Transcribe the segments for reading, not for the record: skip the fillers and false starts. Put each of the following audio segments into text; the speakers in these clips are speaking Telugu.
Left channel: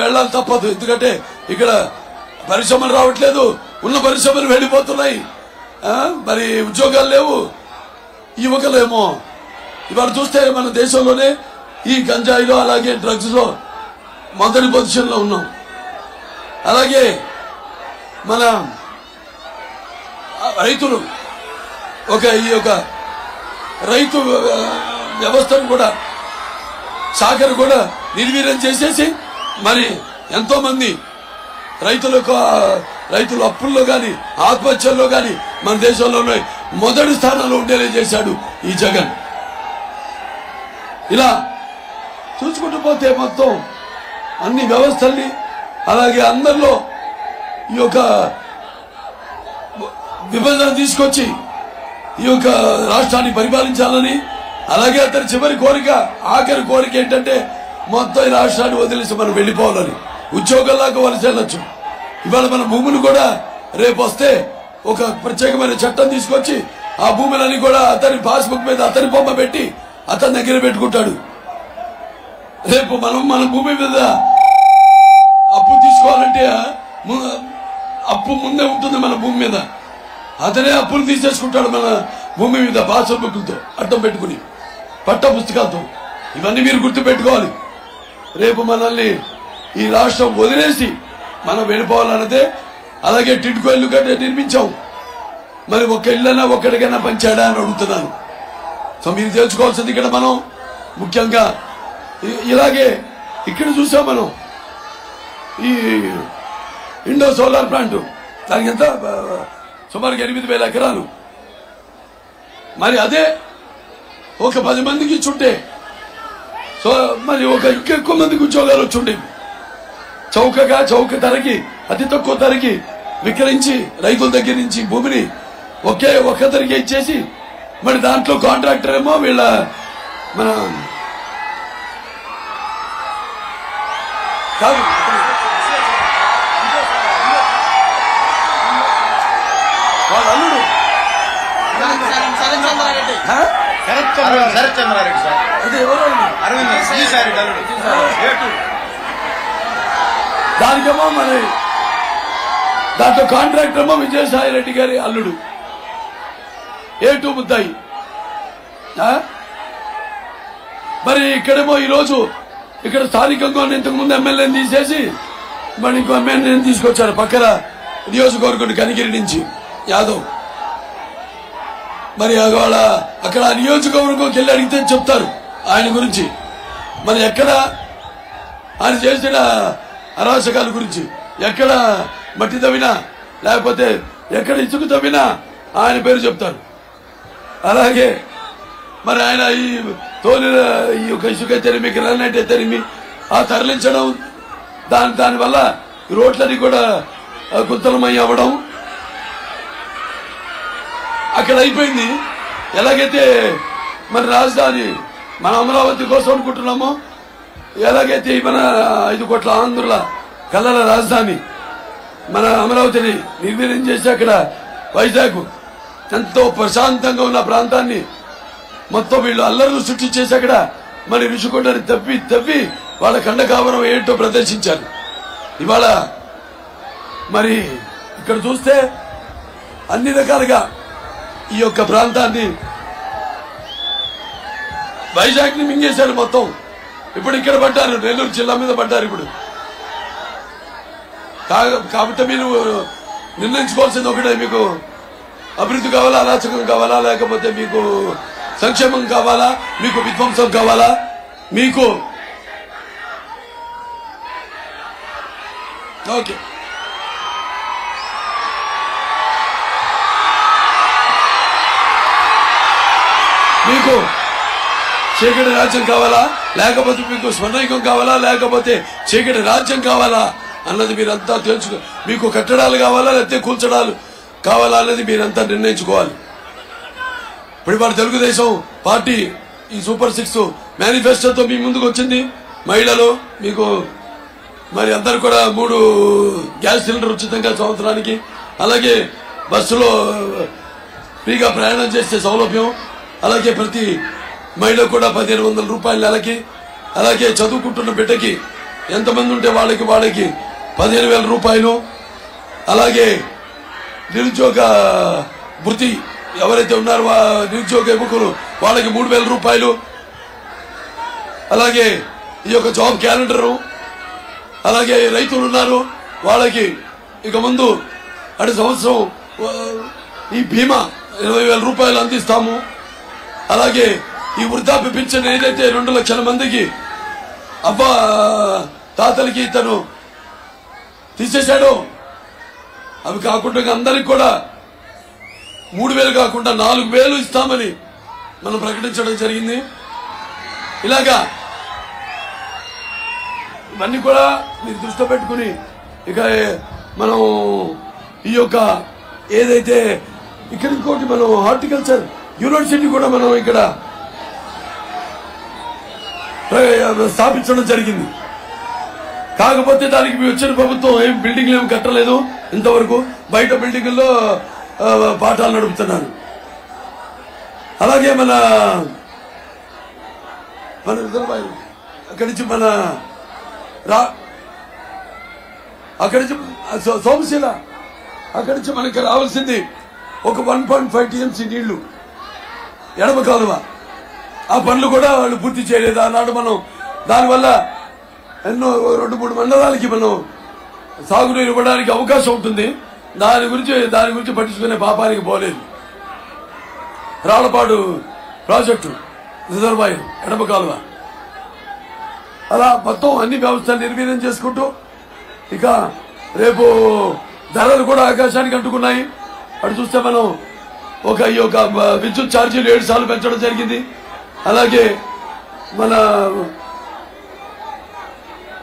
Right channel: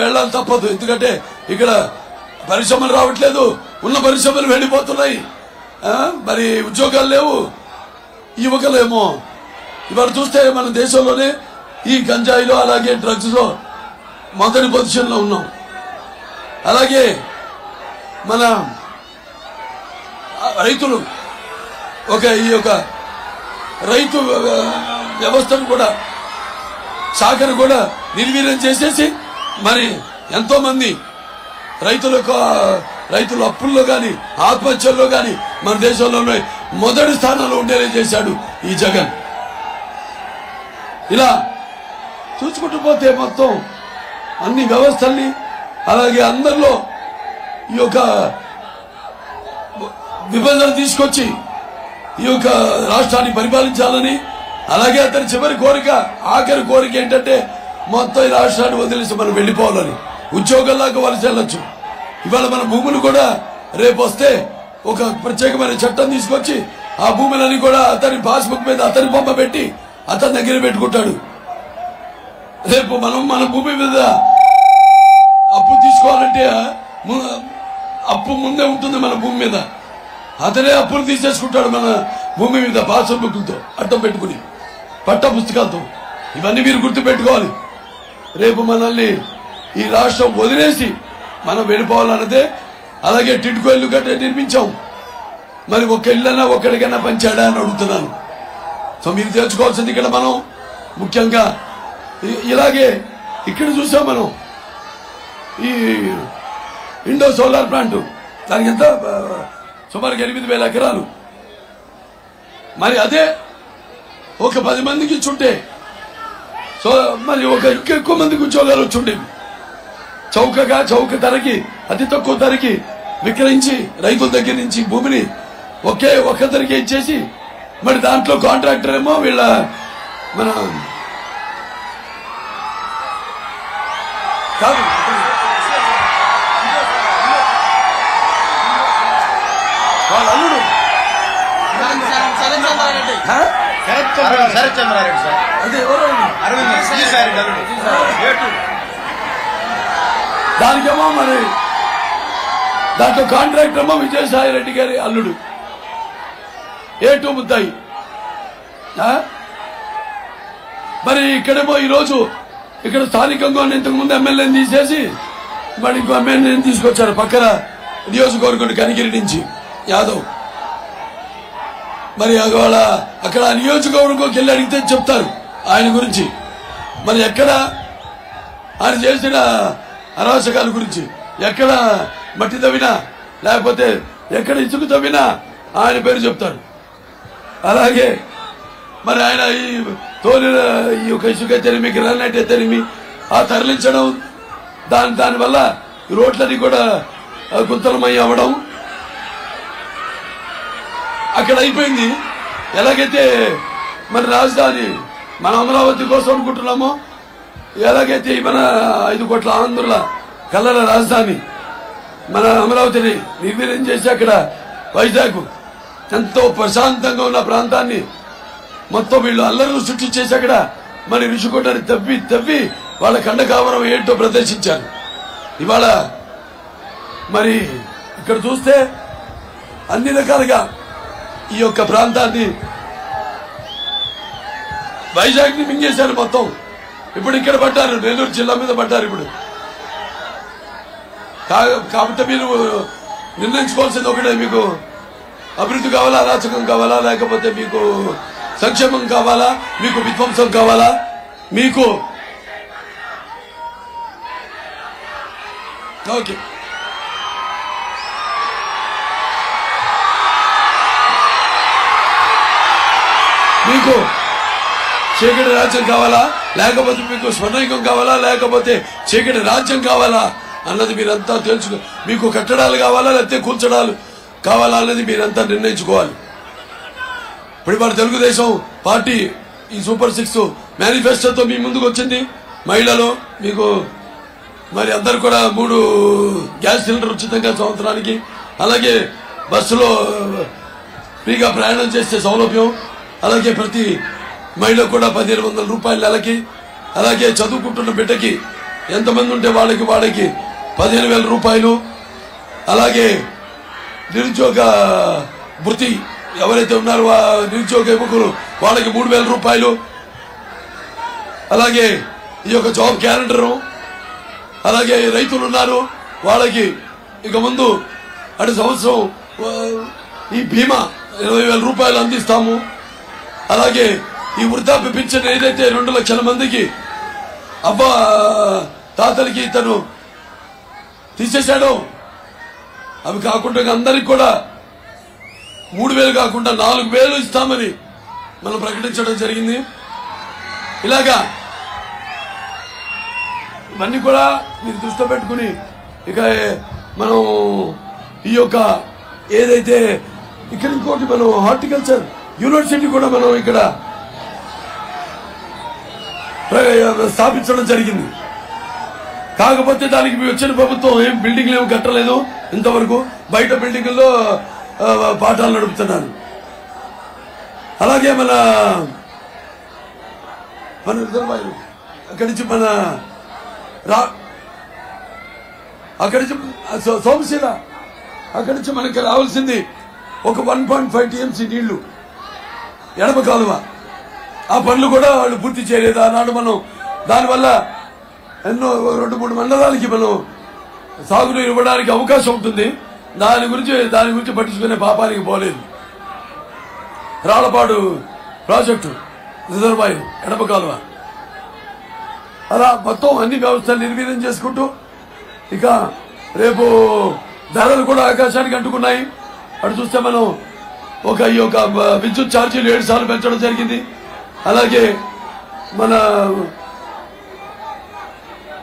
వెళ్ళాలి తప్పదు. ఎందుకంటే ఇక్కడ పరిశ్రమలు రావట్లేదు, ఉన్న పరిశ్రమలు వెళ్ళిపోతున్నాయి, మరి ఉద్యోగాలు లేవు. యువకులేమో ఇవాళ చూస్తే మన దేశంలోనే ఈ గంజాయిలో అలాగే డ్రగ్స్ లో మొదటి పొజిషన్ లో ఉన్నాం. అలాగే మన రైతులు ఈ యొక్క రైతు వ్యవస్థను కూడా శాఖను కూడా నిర్వీర్యం చేసేసి మరి ఎంతో మంది రైతుల అప్పుల్లో గాని ఆత్మహత్యల్లో గాని మన దేశంలోనే మొదటి స్థానంలో ఉండేలా చేశాడు ఈ జగన్. ఇలా చూసుకుంటూ పోతే మొత్తం అన్ని వ్యవస్థల్ని అలాగే అందరిలో ఈ యొక్క విభజన తీసుకొచ్చి ఈ యొక్క రాష్ట్రాన్ని పరిపాలించాలని, అలాగే అతని చివరి కోరిక ఆఖరి కోరిక ఏంటంటే మొత్తం ఈ రాష్ట్రాన్ని వదిలేసి మనం వెళ్లిపోవాలని, ఉద్యోగంలాగా వలస వెళ్ళొచ్చు. ఇవాళ మన భూములు కూడా రేపు వస్తే ఒక ప్రత్యేకమైన చట్టం తీసుకొచ్చి ఆ భూములని కూడా అతని పాస్బుక్ మీద అతని బొమ్మ పెట్టి అతని దగ్గర పెట్టుకుంటాడు. రేపు మన భూమి మీద అప్పు తీసుకోవాలంటే అప్పు ముందే ఉంటుంది మన భూమి మీద. అతనే అప్పులు తీసేసుకుంటాడు మన భూమి మీద పాస్బుక్లతో అడ్డం పెట్టుకుని, పట్ట పుస్తకాలతో. ఇవన్నీ మీరు గుర్తు పెట్టుకోవాలి. రేపు మనల్ని ఈ రాష్ట్రం వదిలేసి మనం వెళ్ళిపోవాలన్నదే. అలాగే టిడ్కో ఇల్లు కంటే నిర్మించాం, మరి ఒక ఇల్లన్నా ఒక్కడికైనా పంచాడా అని అడుగుతున్నాను. సో మీరు తెలుసుకోవాల్సింది ఇక్కడ మనం ముఖ్యంగా ఇలాగే ఇక్కడ చూసాం మనం ఈ ఇండో సోలార్ ప్లాంట్, దానికి ఎంత సుమారు 8,000 ఎకరాలు. మరి అదే ఒక 10 మందికి ఇచ్చుంటే సో మరి ఇంకెక్కువ మందికి ఉద్యోగాలు వచ్చుండేవి. చౌక ధరకి అతి తక్కువ ధరకి విక్రయించి రైతుల దగ్గర నుంచి భూమిని ఒక్క ధరకే ఇచ్చేసి మరి దాంట్లో కాంట్రాక్టర్ ఏమో వీళ్ళ మన కాదు వాళ్ళ అల్లుడు అదే ఎవరు దానికేమో మరి దాంట్లో కాంట్రాక్టర్ ఏమో విజయసాయి రెడ్డి గారి అల్లుడు A2 ముద్దాయి. మరి ఇక్కడేమో ఈరోజు ఇక్కడ స్థానికంగా ఇంతకు ముందు ఎమ్మెల్యేని తీసేసి మరి ఇంకో ఎమ్మెల్యేని తీసుకొచ్చారు పక్కన నియోజకవర్గం కనిగిరి నుంచి యాదవ్. మరి వాళ్ళ అక్కడ నియోజకవర్గంకి వెళ్ళి అడిగితే చెప్తారు ఆయన గురించి. మరి ఎక్కడ ఆయన చేసిన అరాచకాల గురించి, ఎక్కడ మట్టి తవ్వినా లేకపోతే ఎక్కడ ఇసుక తవ్వినా ఆయన పేరు చెప్తారు. అలాగే మరి ఆయన ఈ యొక్క ఇసుక తెరిమి గ్రానైట్ తెరిమి ఆ తరలించడం దానివల్ల రోడ్లన్నీ కూడా గుంతలమై అవ్వడం అక్కడ అయిపోయింది. ఎలాగైతే మన రాజధాని మన అమరావతి కోసం అనుకుంటున్నామో, ఎలాగైతే మన 5 కోట్ల ఆంధ్రుల కళల రాజధాని మన అమరావతిని నిర్వీర్యం చేసి అక్కడ వైజాగ్ ఎంతో ప్రశాంతంగా ఉన్న ప్రాంతాన్ని మొత్తం వీళ్ళు అల్లర్లు సృష్టించేసి అక్కడ మరి రుషికొండని తవ్వి వాళ్ళ ఖండకావరం ఏంటో ప్రదర్శించారు. ఇవాళ మరి ఇక్కడ చూస్తే అన్ని రకాలుగా ఈ యొక్క ప్రాంతాన్ని వైజాగ్ ని మింగేశారు మొత్తం. ఇప్పుడు ఇక్కడ పడ్డారు, నెల్లూరు జిల్లా మీద పడ్డారు ఇప్పుడు. కాబట్టి మీరు నిర్ణయించుకోవాల్సింది ఒకటే, మీకు అభివృద్ధి కావాలా, అరాచకం కావాలా, లేకపోతే మీకు సంక్షేమం కావాలా, మీకు విధ్వంసం కావాలా? మీకు ఓకే మీకు చీకటి రాజ్యం కావాలా, లేకపోతే మీకు స్వర్ణయుగం కావాలా, లేకపోతే చీకటి రాజ్యం కావాలా అన్నది మీరంతా తెలుసుకో. మీకు కట్టడాలు కావాలా లేకపోతే కూల్చడాలు కావాలా అన్నది మీరంతా నిర్ణయించుకోవాలి. ఇప్పుడు మన తెలుగుదేశం పార్టీ ఈ సూపర్ 6 మేనిఫెస్టోతో మీ ముందుకు వచ్చింది. మహిళలు మీకు మరి అందరు కూడా 3 గ్యాస్ సిలిండర్ ఉచితంగా సంవత్సరానికి, అలాగే బస్సులో ఫ్రీగా ప్రయాణం చేసే సౌలభ్యం, అలాగే ప్రతి మహిళ కూడా 1,500 రూపాయల నెలకి, అలాగే చదువుకుంటున్న బిడ్డకి ఎంతమంది ఉంటే వాళ్ళకి 15,000 రూపాయలు, అలాగే నిరుద్యోగ వృత్తి ఎవరైతే ఉన్నారో నిరుద్యోగ యువకులు వాళ్ళకి 3,000 రూపాయలు, అలాగే ఈ యొక్క జాబ్ క్యాలెండరు, అలాగే రైతులు ఉన్నారు వాళ్ళకి ఇక ముందు అటు సంవత్సరం ఈ బీమా 20,000 రూపాయలు అందిస్తాము. అలాగే ఈ వృద్ధాప్య పింఛన్ ఏదైతే 2 లక్షల మందికి తాతలకి తను తీసేశాడో అవి కాకుండా అందరికి కూడా 3,000 కాకుండా 4,000 ఇస్తామని మనం ప్రకటించడం జరిగింది. ఇలాగా ఇవన్నీ కూడా మీరు దృష్టిలో పెట్టుకుని ఇక మనం ఈ యొక్క ఏదైతే ఇక్కడ ఇంకోటి మనం హార్టికల్చర్ యూనివర్సిటీ కూడా మనం ఇక్కడ స్థాపించడం జరిగింది. కాకపోతే దానికి మీ వచ్చిన ప్రభుత్వం ఏం బిల్డింగ్లు ఏమి కట్టలేదు ఇంతవరకు, బయట బిల్డింగుల్లో పాఠాలు నడుపుతున్నారు. అలాగే మన అక్కడి నుంచి అక్కడి నుంచి సోమశీల అక్కడి నుంచి మనకి రావాల్సింది ఒక 1.5 TMC నీళ్లు ఎడమ కాలువ. ఆ పనులు కూడా వాళ్ళు పూర్తి చేయలేదు ఆనాడు. మనం దానివల్ల ఎన్నో 2-3 మండలాలకి మనం సాగునీరు ఇవ్వడానికి అవకాశం ఉంటుంది. దాని గురించి పట్టించుకునే పాపానికి పోలేదు. రాళ్లపాడు ప్రాజెక్టు రిజర్వాయర్ ఎడమ కాలువ అలా మొత్తం అన్ని వ్యవస్థలు నిర్వీర్యం చేసుకుంటూ ఇక రేపు ధరలు కూడా ఆకాశానికి అంటుకున్నాయి. అటు చూస్తే మనం ఈ యొక్క విద్యుత్ ఛార్జీలు 7 సార్లు పెంచడం జరిగింది. అలాగే మన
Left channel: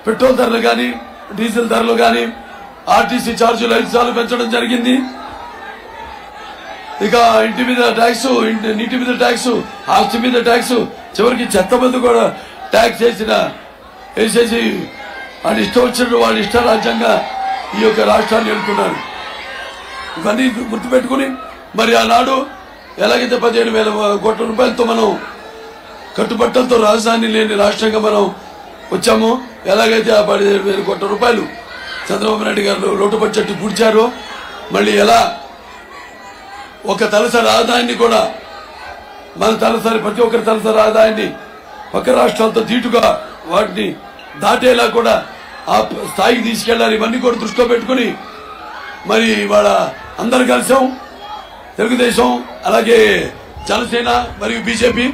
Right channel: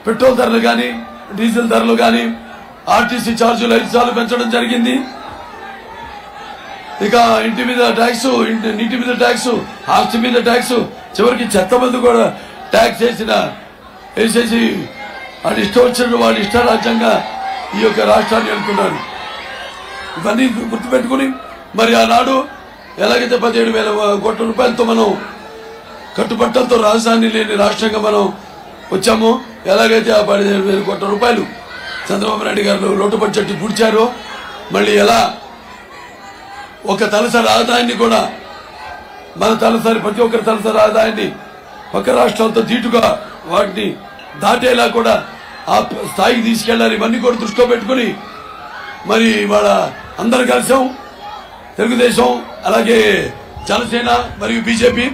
పెట్రోల్ ధరలు కానీ డీజిల్ ధరలు కానీ ఆర్టీసీ ఛార్జీలు 5 సార్లు పెంచడం జరిగింది. ఇక ఇంటి మీద ట్యాక్స్, నీటి మీద ట్యాక్స్, ఆస్తి మీద ట్యాక్స్, చివరికి చెత్త మంది కూడా ట్యాక్స్ వేసేసి వాళ్ళు ఇష్టం వచ్చినట్టు వాళ్ళు ఇష్టారాజ్యంగా ఈ యొక్క రాష్ట్రాన్ని వెళ్తున్నారు. ఇవన్నీ గుర్తుపెట్టుకుని మరి ఆనాడు ఎలాగైతే 17,000 కోట్ల రూపాయలతో మనం కట్టుబట్టలతో రాజధాని లేని రాష్ట్రంగా మనం వచ్చాము, ఎలాగైతే ఆ 17,000 కోట్ల రూపాయలు చంద్రబాబు నాయుడు గారు లోటు బడ్జెట్ పూడ్చారో మళ్ళీ ఎలా ఒక తలసరి ఆదాయాన్ని కూడా మన ప్రతి ఒక్కరి తలసరి ఆదాయాన్ని పక్క రాష్ట్రాలతో ధీటుగా వాటిని దాటేలా కూడా ఆ స్థాయికి తీసుకెళ్లాలి. ఇవన్నీ కూడా దృష్టిలో పెట్టుకుని మరి ఇవాళ అందరు కలిసాం. తెలుగుదేశం అలాగే జనసేన మరియు బీజేపీ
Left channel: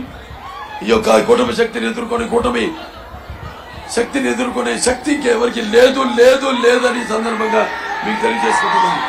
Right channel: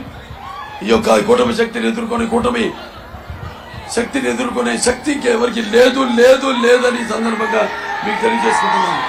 ఈ యొక్క కూటమి శక్తిని ఎదుర్కొనే శక్తి ఎవరికి లేదని సందర్భంగా మీకు తెలియజేసుకుంటున్నాను.